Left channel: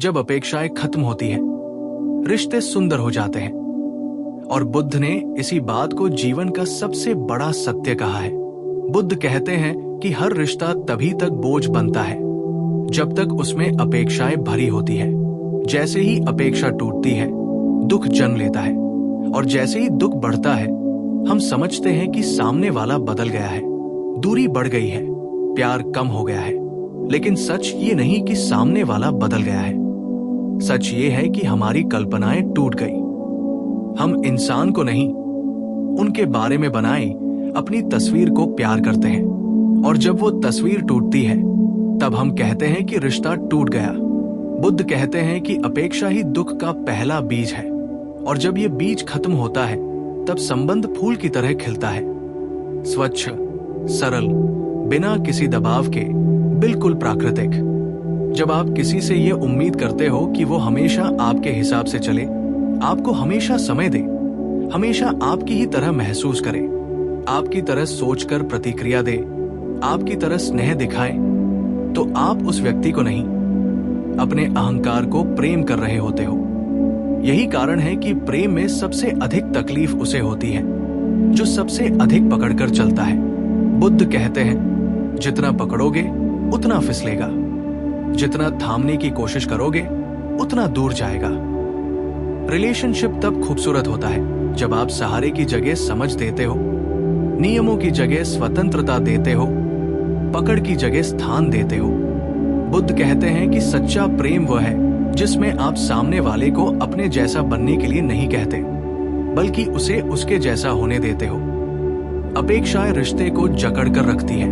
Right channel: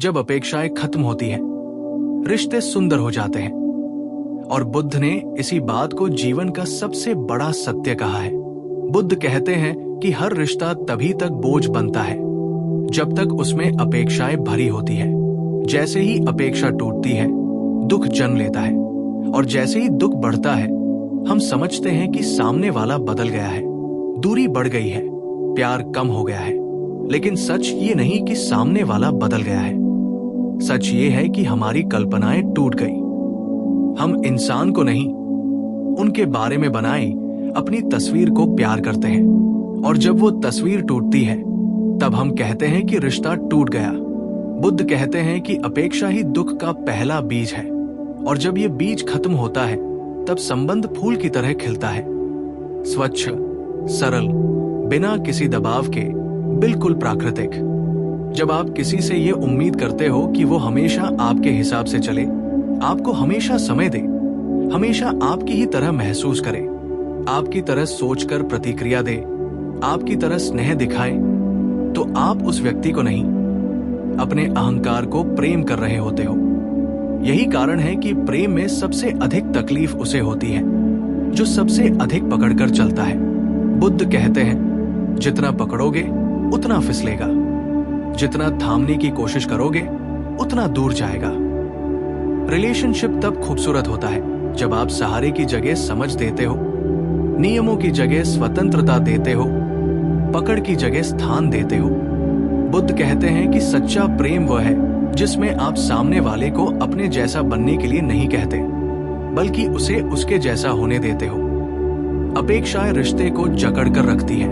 जब अपेक्षाएं खत्म होती हैं, रिश्ते सुंदर हो जाते हैं। और बुद्ध ने इसी बात को जीवन का सबसे बड़ा सत्य कहा है। बुद्ध कहते हैं कि हर रिश्ता तभी तक बोझ बनता है जब तक उसमें अपेक्षाएं भरी होती है। जैसे ही अपेक्षा टूटती है, दुख जन्म लेता है, और जैसे ही दुख बढ़ता है, हम समझते हैं कि सामने वाला बदल गया है, दूरी बढ़ गई है, प्यार कम हो गया है। लेकिन सच ये नहीं कि सामने वाला बदल गया है। सच ये है कि हमारी कल्पनाएं टूट गई। हम इंसान को नहीं, उनके बारे में बनाई अपनी तस्वीर को प्यार करते हैं, और जब वो तस्वीर टूटती है, तब हम कहते हैं कि रिश्ता टूट गया। बुद्ध कहते हैं कि अपेक्षा ही दुख का पहला बीज है, और जब ये बीज खत्म होता है, तब संबंध फूल की तरह खिलता है, स्वच्छ, सरल, बिना किसी दबाव के, बिल्कुल प्राकृतिक। जब आप किसी से ये उम्मीद करते हो कि वो हमेशा आपके हिसाब से चले, आपको हमेशा समय दे, हमेशा आपकी ही तरह महसूस करे, आपकी तरह सोचकर प्रतिक्रिया दे, आपकी तरह स्नेह दिखाए, तो आप उस व्यक्ति को नहीं, अपने अहंकार को प्रेम कर रहे होते हो। यही कारण है कि प्रेम में सबसे अधिक तकलीफ उसे होती है जो सबसे अधिक पकड़कर चलता है। बुद्ध कहते हैं, जितना पकड़ोगे उतना फिसलेगा, जितना थामने की कोशिश करोगे उतना दूर जाएगा। रिलेशनशिप तब खूबसूरत होता है जब आप सहारे की जगह समझ देते हो, नियमों की जगह स्वतंत्रता देते हो, पकड़ की जगह स्थान देते हो। बुद्ध कहते हैं कि सच्चा प्रेम वह है जिसमें आप सामने वाले को अपने जैसा बनने के लिए नहीं कहते, बल्कि उसे उसके जैसा होने देते हो। अपेक्षाएं रिश्ते को जकड़ कर रखती है।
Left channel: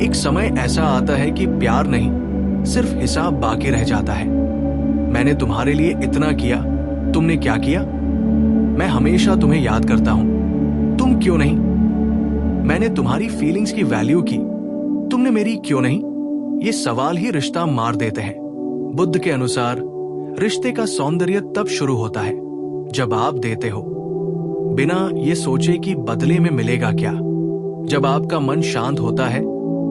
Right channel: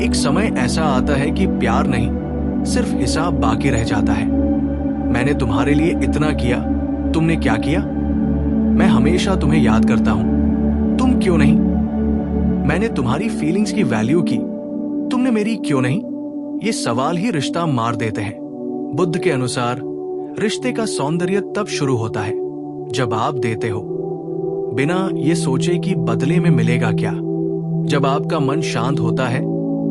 एक समय ऐसा आता है कि प्यार नहीं, सिर्फ हिसाब बाकी रह जाता है। मैंने तुम्हारे लिए इतना किया, तुमने क्या किया? मैं हमेशा तुम्हें याद करता हूं, तुम क्यों नहीं? मैंने तुम्हारी फीलिंग्स की वैल्यू की, तुमने मेरी क्यों नहीं? ये सवाल ही रिश्ता मार देते हैं। बुद्ध के अनुसार रिश्ते का सौंदर्य तब शुरू होता है जब आप देते हो, बिना ये सोचे कि बदले में मिलेगा क्या। जब आपका मन शांत होता है,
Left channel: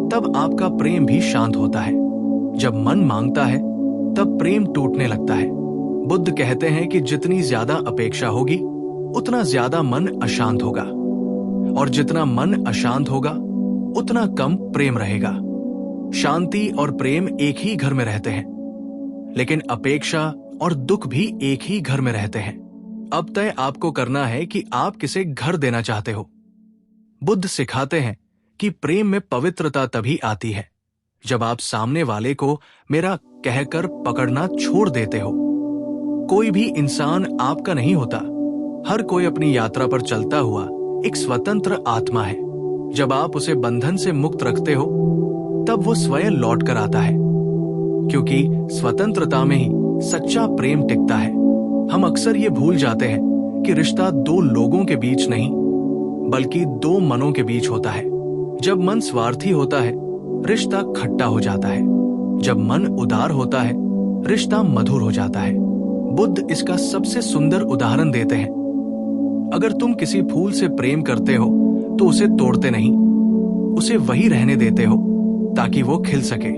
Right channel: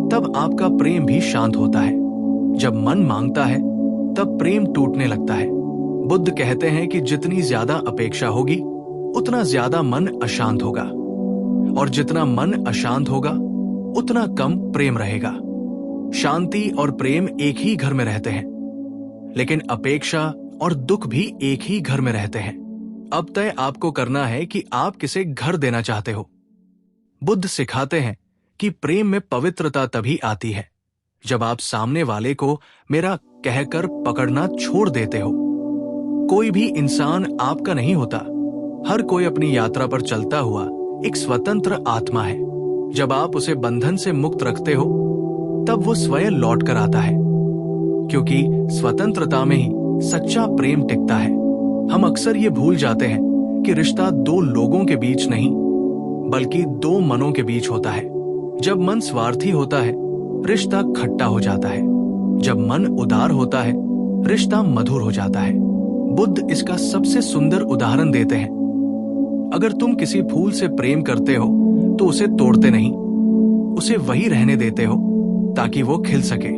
तब आपका प्रेम भी शांत होता है। जब मन मांगता है, तब प्रेम टूटने लगता है। बुद्ध कहते हैं कि जितनी ज्यादा अपेक्षा होगी, उतना ज्यादा मन अशांत होगा, और जितना मन अशांत होगा, उतना कम प्रेम रहेगा। शांति और प्रेम एक ही घर में रहते हैं, लेकिन अपेक्षा और दुख भी एक ही घर में रहते हैं। अब तय आपको करना है कि आप किसे घर देना चाहते हो। बुद्ध सिखाते हैं कि प्रेम में पवित्रता तभी आती है जब आप सामने वाले को मेरा कहकर पकड़ना छोड़ देते हो। कोई भी इंसान आपका नहीं होता। हर कोई अपनी यात्रा पर चलता हुआ एक स्वतंत्र आत्मा है। जब आप उसे बंधन से मुक्त रखते हो, तब वो स्वयं लौट कर आता है, क्योंकि स्वतंत्रता में ही सच्चा प्रेम टिकता है। हम अक्सर ये भूल जाते हैं कि रिश्ता दो लोगों के बीच नहीं, बल्कि दो मनों के बीच होता है। जब मन स्वार्थी होता है, रिश्ता खट्टा हो जाता है। जब मन उदार होता है, रिश्ता मधुर हो जाता है। बुद्ध इसका सबसे सुंदर उदाहरण देते हैं। अगर तुम किसी फूल से प्रेम करते हो तो उसे तोड़ते नहीं, उसे वही रहने देते हो ताकि वो खिल सके।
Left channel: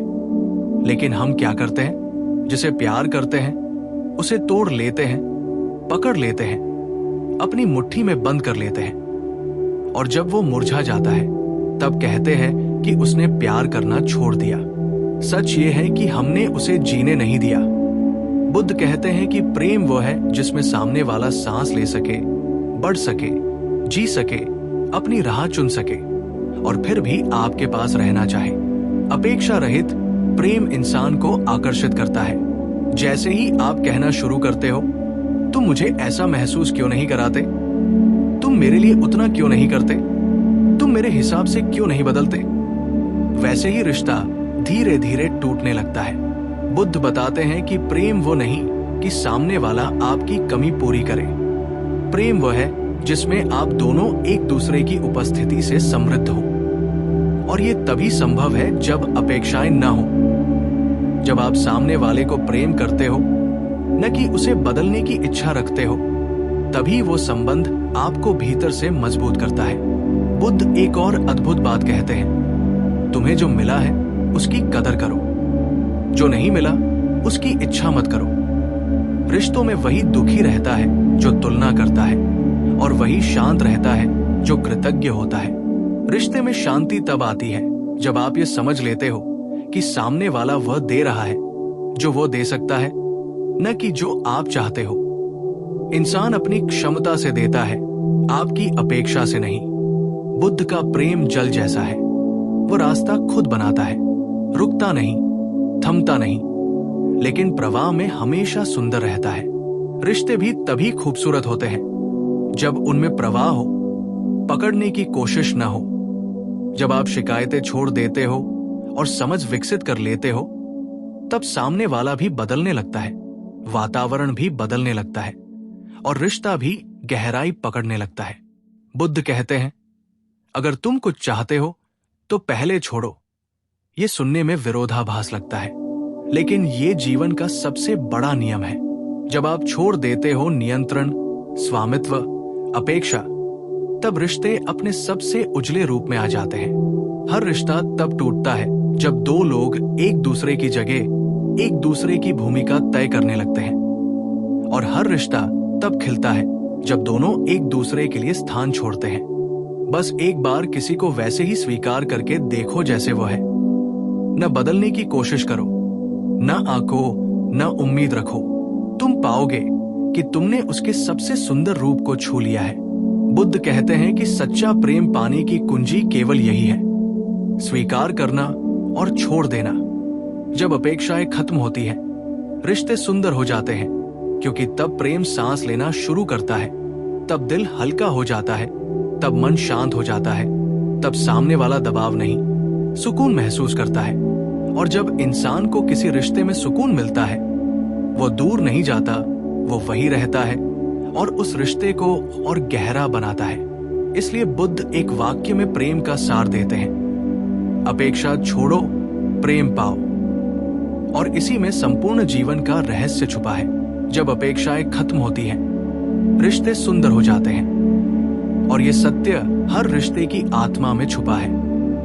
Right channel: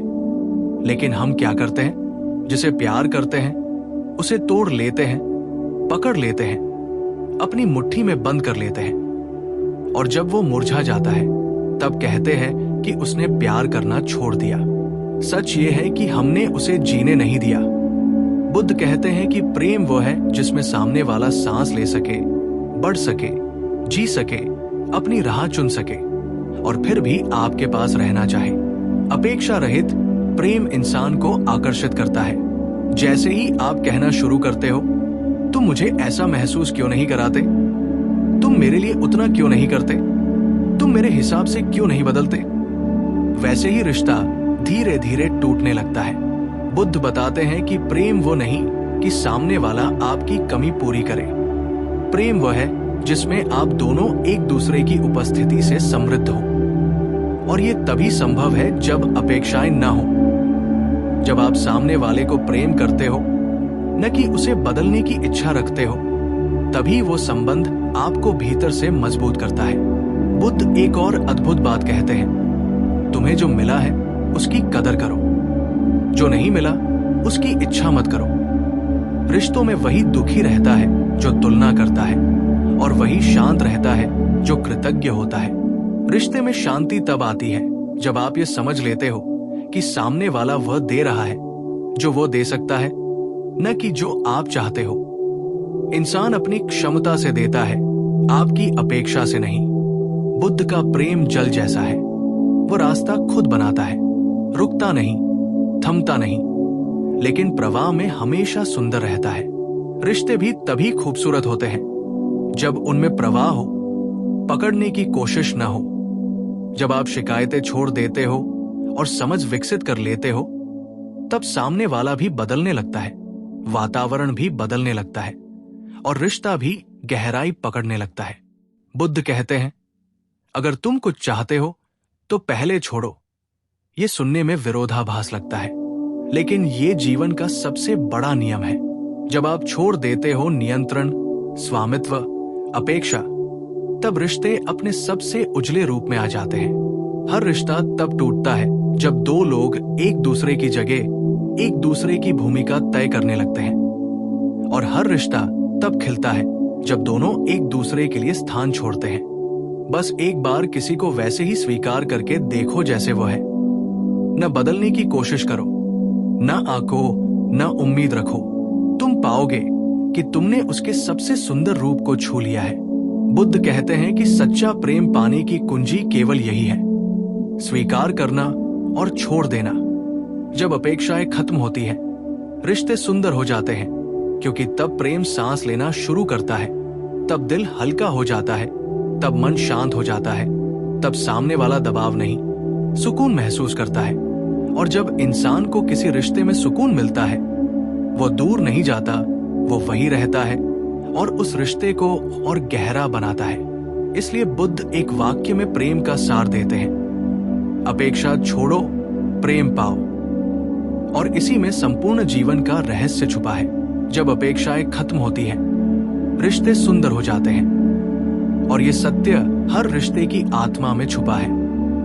लेकिन हम क्या करते हैं? जिसे प्यार करते हैं उसे तोड़ लेते हैं, पकड़ लेते हैं, अपनी मुट्ठी में बंद कर लेते हैं, और जब वो मुरझा जाता है तब कहते हैं कि उसने प्यार करना छोड़ दिया। सच ये है कि हमने उसे जीने नहीं दिया। बुद्ध कहते हैं कि प्रेम वो है जिसमें सामने वाला सांस ले सके, बढ़ सके, जी सके, अपनी राह चुन सके, और फिर भी आपके पास रहना चाहे। अपेक्षा रहित प्रेम इंसान को आकर्षित करता है। जैसे ही आप कहना शुरू करते हो, तुम मुझे ऐसा महसूस क्यों नहीं कराते, तुम मेरे लिए उतना क्यों नहीं करते, तुम मेरे हिसाब से क्यों नहीं बदलते, वैसे ही रिश्ता धीरे धीरे टूटने लगता है। बुद्ध बताते हैं कि प्रेम वो नहीं कि सामने वाला आपकी कमी पूरी करे। प्रेम वो है जिसमें आप दोनों एक दूसरे की उपस्थिति से समृद्ध हो, और ये तभी संभव है जब अपेक्षाएं न हो। जब आप सामने वाले को प्रेम करते हो, न कि उसे बदलने की इच्छा रखते हो, तभी वो संबंध आपको भीतर से मजबूत करता है। बुद्ध एक और अद्भुत बात कहते हैं, तुम्हें जो मिला है उसकी कदर करो, जो नहीं मिला उसकी इच्छा मत करो। रिश्तों में वही दुखी रहता है जो तुलना करता है, और वही शांत रहता है जो कृतज्ञ होता है। रिश्ते में शांति तब आती है जब आप ये समझ लेते हो कि सामने वाला वह दे रहा है जो वो दे सकता है, न कि जो आप चाहते हो। इंसान अपनी क्षमता से देता है, आपकी अपेक्षा से नहीं। बुद्ध का प्रेम जल जैसा है, वो रास्ता खुद बनाता है, रुकता नहीं, थमता नहीं, लेकिन प्रवाह में हमेशा सुंदर रहता है। रिश्ते भी तभी खूबसूरत होते हैं जब उनमें प्रवाह हो, पकड़ने की कोशिश न हो। जब आप शिकायतें छोड़ देते हो और समझ विकसित कर लेते हो, तब सामने वाला भी बदलने लगता है, वातावरण भी बदलने लगता है, और रिश्ता भी गहराई पकड़ने लगता है। बुद्ध कहते हैं, अगर तुम कुछ चाहते हो तो पहले छोड़ो। ये सुनने में विरोधाभास लगता है, लेकिन ये जीवन का सबसे बड़ा नियम है। जब आप छोड़ देते हो नियंत्रण, स्वामित्व, अपेक्षा, तब रिश्ते अपने सबसे उजले रूप में आ जाते हैं। हर रिश्ता तब टूटता है जब दो लोग एक दूसरे की जगह एक दूसरे की भूमिका तय करने लगते हैं, और हर रिश्ता तब खिलता है जब दोनों एक दूसरे के लिए स्थान छोड़ते हैं। बस एक बार किसी को वैसे ही स्वीकार करके देखो जैसे वो है। न बदलने की कोशिश करो, न आंको, न उम्मीद रखो। तुम पाओगे कि तुमने उसके सबसे सुंदर रूप को छू लिया है। बुद्ध कहते हैं कि सच्चा प्रेम पाने की कुंजी केवल यही है, स्वीकार करना और छोड़ देना। जब अपेक्षाएं खत्म होती हैं, रिश्ते सुंदर हो जाते हैं, क्योंकि तब प्रेम सांस लेना शुरू करता है, तब दिल हल्का हो जाता है, तब मन शांत हो जाता है, तब सामने वाला दबाव नहीं, सुकून महसूस करता है। और जब इंसान को किसी रिश्ते में सुकून मिलता है, वो दूर नहीं जाता, वो वही रहता है और उस रिश्ते को और गहरा बनाता है। इसलिए बुद्ध एक वाक्य में प्रेम का सार देते हैं, अपेक्षा छोड़ो, प्रेम पाओ। और इसी में संपूर्ण जीवन का रहस्य छुपा है। जब अपेक्षाएं खत्म होती हैं, रिश्ते सुंदर हो जाते हैं, और ये सत्य हर रिश्ते की आत्मा में छुपा है।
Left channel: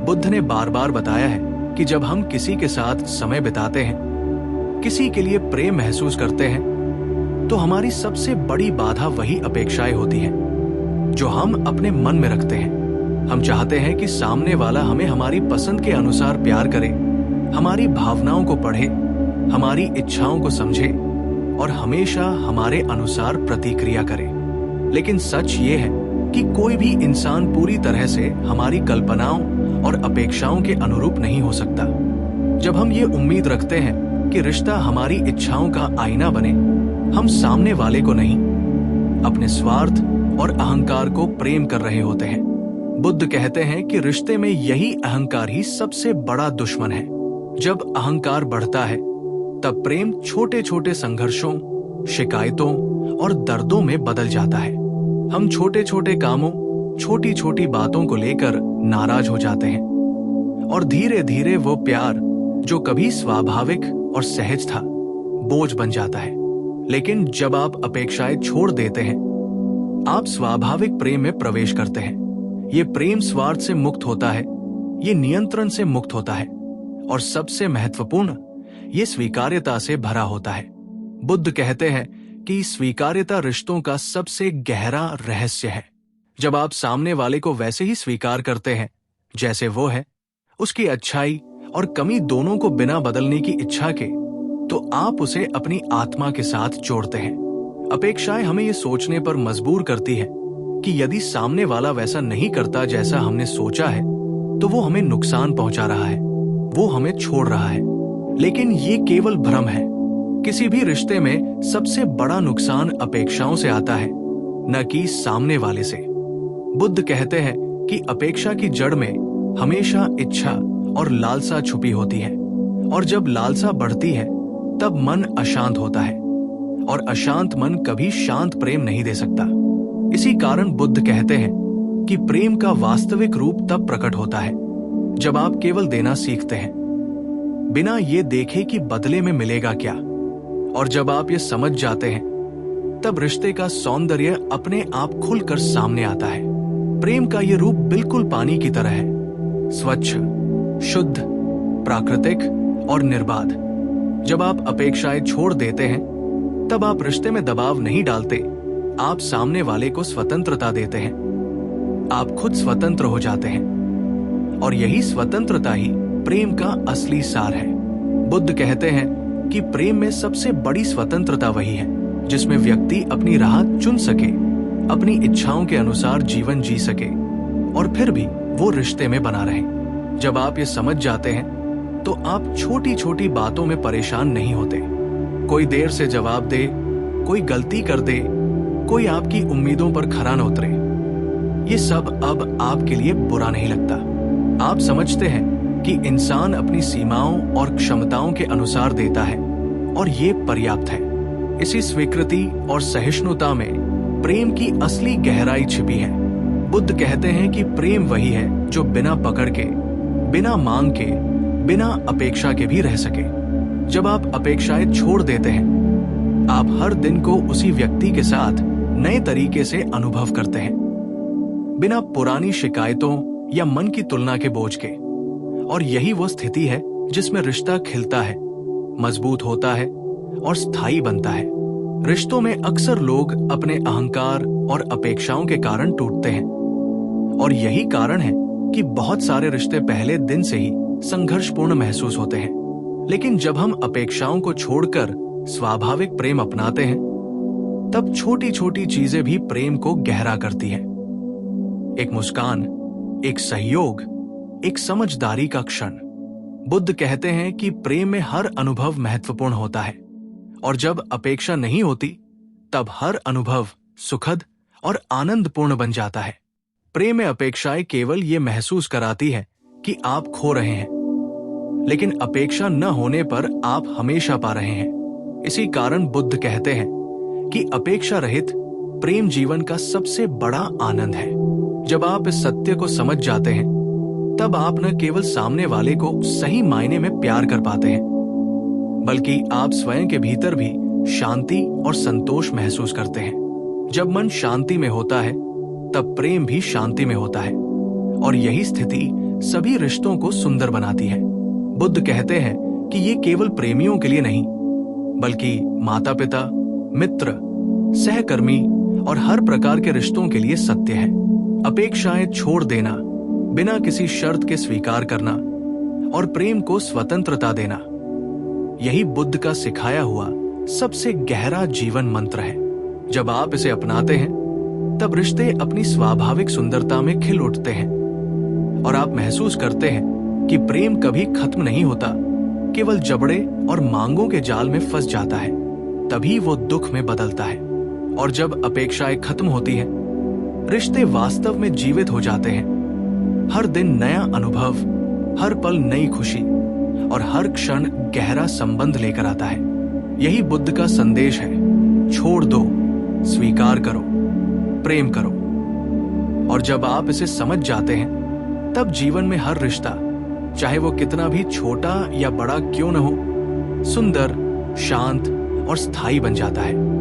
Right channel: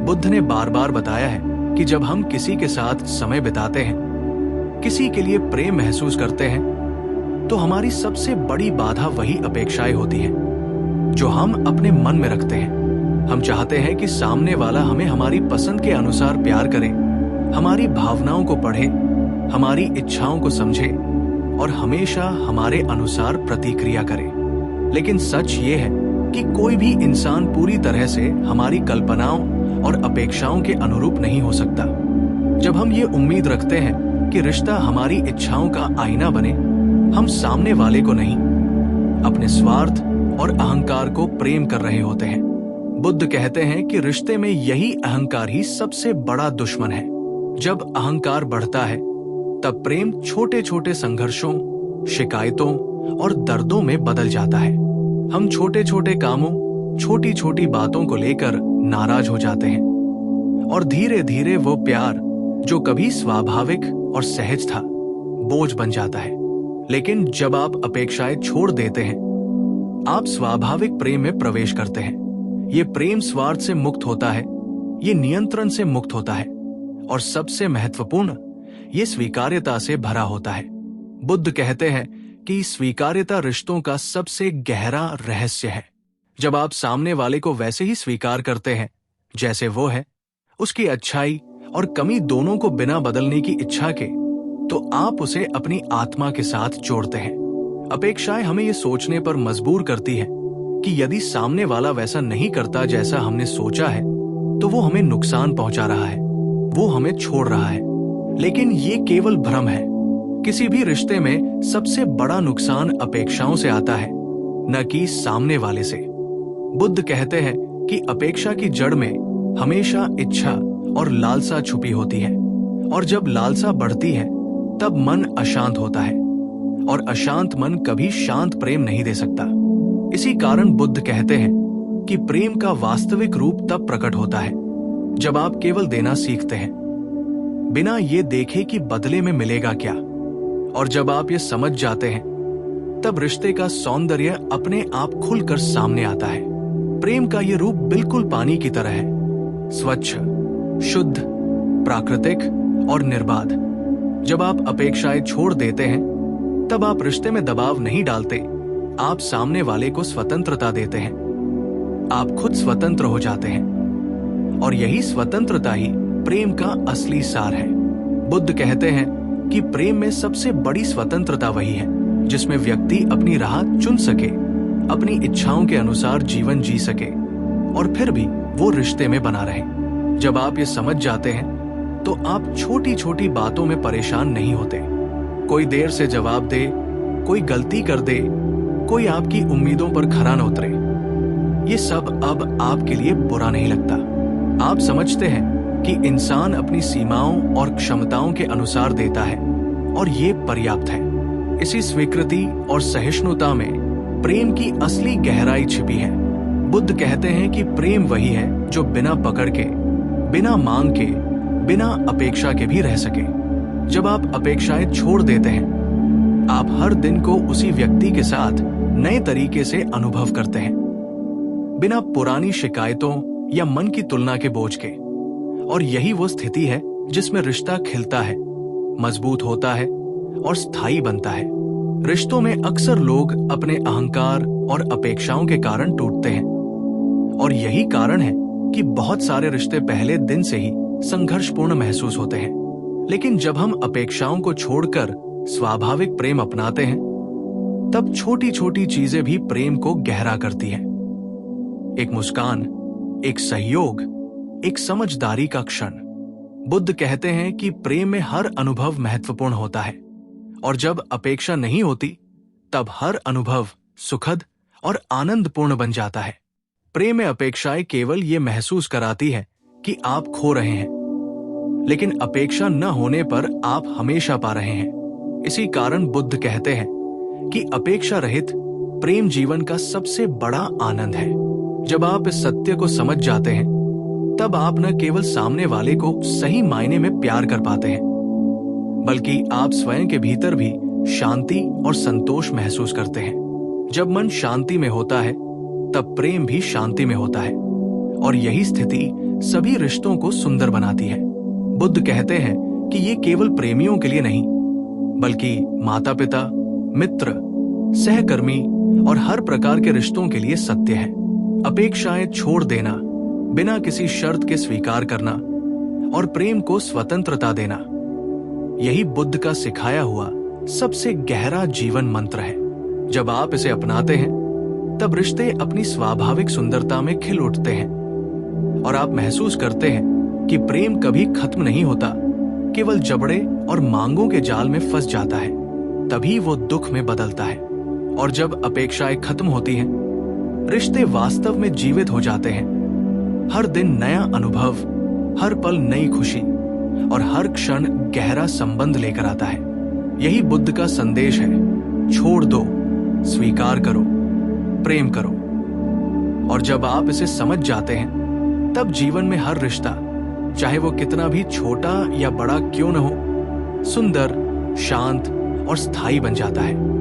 बुद्ध ने बार बार बताया है कि जब हम किसी के साथ समय बिताते हैं, किसी के लिए प्रेम महसूस करते हैं, तो हमारी सबसे बड़ी बाधा वही अपेक्षाएं होती हैं जो हम अपने मन में रखते हैं। हम चाहते हैं कि सामने वाला हमें हमारी पसंद के अनुसार प्यार करे, हमारी भावनाओं को पढ़े, हमारी इच्छाओं को समझे और हमेशा हमारे अनुसार प्रतिक्रिया करे। लेकिन सच ये है कि कोई भी इंसान पूरी तरह से हमारी कल्पनाओं और अपेक्षाओं के अनुरूप नहीं हो सकता। जब हम ये उम्मीद रखते हैं कि रिश्ता हमारी इच्छाओं का आईना बने, हम सामने वाले को नहीं, अपने स्वार्थ और अहंकार को प्रेम कर रहे होते हैं। बुद्ध कहते हैं कि रिश्ते में यही अहंकार ही सबसे बड़ा दुश्मन है। जब अहंकार बढ़ता है, तब प्रेम छोटे छोटे संघर्षों, शिकायतों और दर्दों में बदल जाता है। हम छोटे छोटे कामों, छोटी छोटी बातों को लेकर नाराज हो जाते हैं, और धीरे धीरे वो प्यार जो कभी स्वाभाविक और सहज था, बोझ बन जाता है। लेकिन जब आप अपेक्षाएं छोड़ देते हैं, आप स्वाभाविक प्रेम में प्रवेश करते हैं। ये प्रेम स्वार्थ से मुक्त होता है, ये नियंत्रण से मुक्त होता है, और सबसे महत्वपूर्ण, ये स्वीकार्यता से भरा होता है। बुद्ध कहते हैं कि स्वीकार्यता रिश्तों का सबसे गहरा रहस्य है। जब आप सामने वाले को वैसे ही स्वीकार करते हैं जैसे वो है, उसकी अच्छाई और कमी दोनों को बिना बदलने की इच्छा के, तो आप उसे अपनी आत्मा के साथ जोड़ते हैं। अपेक्षाएं हमें ये सोचने पर मजबूर करती है कि यदि सामने वाला वैसा नहीं करता जैसा हमने सोचा है, तो वो हमें नुकसान पहुंचा रहा है, वो हमें छोड़ रहा है। लेकिन ये केवल भ्रम है। किसी भी रिश्ते में सबसे बड़ा नुकसान अपेक्षाओं से आता है, न कि सामने वाले से। बुद्ध कहते हैं कि अपेक्षा की जड़ में हमेशा इच्छा और लालसा छुपी होती है, और जब लालसा बढ़ती है, तब मन अशांत होता है, और अशांत मन कभी शांत प्रेम नहीं दे सकता। इसी कारण बुद्ध कहते हैं कि प्रेम का वास्तविक रूप तब प्रकट होता है जब आप केवल देना सीखते हैं, बिना ये देखे कि बदले में मिलेगा क्या। और जब आप ये समझ जाते हैं, तब रिश्ते का सौंदर्य अपने आप खुलकर सामने आता है। प्रेम का ये रूप बिल्कुल पानी की तरह है, स्वच्छ, शुद्ध, प्राकृतिक और निर्बाध। जब आप अपेक्षाएं छोड़ देते हैं तब आप रिश्ते में दबाव नहीं डालते, आप सामने वाले को स्वतंत्रता देते हैं। आप खुद स्वतंत्र हो जाते हैं और यही स्वतंत्रता ही प्रेम का असली सार है। बुद्ध कहते हैं कि प्रेम में सबसे बड़ी स्वतंत्रता वही है जिसमें व्यक्ति अपनी राह चुन सके, अपनी इच्छाओं के अनुसार जीवन जी सके और फिर भी वो रिश्ते में बना रहे। जब आप ये समझ जाते हैं तो आप छोटी छोटी बातों में परेशान नहीं होते। कोई देर से जवाब दे, कोई गलती कर दे, कोई आपकी उम्मीदों पर खरा न उतरे, ये सब अब आपके लिए बुरा नहीं लगता। आप समझते हैं कि इंसान अपनी सीमाओं और क्षमताओं के अनुसार देता है और ये पर्याप्त है। इसी स्वीकृति और सहिष्णुता में प्रेम की असली गहराई छिपी है। बुद्ध कहते हैं कि प्रेम वही है जो बिना पकड़ के, बिना मांग के, बिना अपेक्षा के भी रह सके। जब आप अपेक्षाएं छोड़ देते हैं, आप हर दिन को उसी व्यक्ति के साथ नए तरीके से अनुभव करते हैं, बिना पुरानी शिकायतों या मन की तुलना के बोझ के। और यही वो स्थिति है जिसमें रिश्ता खिलता है, मजबूत होता है और स्थायी बनता है। रिश्तों में अक्सर लोग अपने अहंकार और अपेक्षाओं के कारण टूटते हैं और यही कारण है कि बहुत सारे रिश्ते पहले दिन से ही संघर्षपूर्ण महसूस होते हैं। लेकिन जब हम अपेक्षाओं को छोड़कर स्वाभाविक प्रेम अपनाते हैं, तब छोटी छोटी चीजें भी प्रेम को गहरा करती हैं। एक मुस्कान, एक सहयोग, एक समझदारी का क्षण। बुद्ध कहते हैं कि प्रेम में हर अनुभव महत्वपूर्ण होता है और जब अपेक्षा नहीं होती तब हर अनुभव सुखद और आनंदपूर्ण बन जाता है। प्रेम में अपेक्षाएं केवल ये महसूस कराती है कि आप खो रहे हैं, लेकिन अपेक्षा न होने पर आप हमेशा पा रहे हैं। इसी कारण बुद्ध कहते हैं कि अपेक्षा रहित प्रेम जीवन का सबसे बड़ा आनंद है। जब आप इस सत्य को समझ जाते हैं, तब आप न केवल सामने वाले को सही मायने में प्यार कर पाते हैं, बल्कि आप स्वयं के भीतर भी शांति और संतोष महसूस करते हैं। जब मन शांति में होता है, तब प्रेम भी शांति में होता है और यही स्थिति सभी रिश्तों को सुंदर बनाती है। बुद्ध कहते हैं कि ये केवल प्रेमियों के लिए नहीं, बल्कि माता-पिता, मित्र, सहकर्मी और हर प्रकार के रिश्तों के लिए सत्य है। अपेक्षाएं छोड़ देना, बिना किसी शर्त के स्वीकार करना और प्रेम को स्वतंत्रता देना, यही बुद्ध का सिखाया हुआ सबसे गहरा जीवन मंत्र है। जब आप इसे अपनाते हैं, तब रिश्ते अपनी स्वाभाविक सुंदरता में खिल उठते हैं और आप महसूस करते हैं कि प्रेम कभी खत्म नहीं होता, केवल जबड़े और मांगों के जाल में फंस जाता है, तभी वो दुख में बदलता है। और जब अपेक्षाएं खत्म होती हैं, रिश्ते वास्तव में जीवित हो जाते हैं। हर दिन नया अनुभव, हर पल नई खुशी और हर क्षण गहरा संबंध लेकर आता है। यही बुद्ध का संदेश है, छोड़ दो, स्वीकार करो, प्रेम करो। और जब आप इसे समझ जाते हैं, तब जीवन में हर रिश्ता, चाहे वो कितना भी छोटा या बड़ा क्यों न हो, सुंदर, शांत और स्थायी बन जाता है।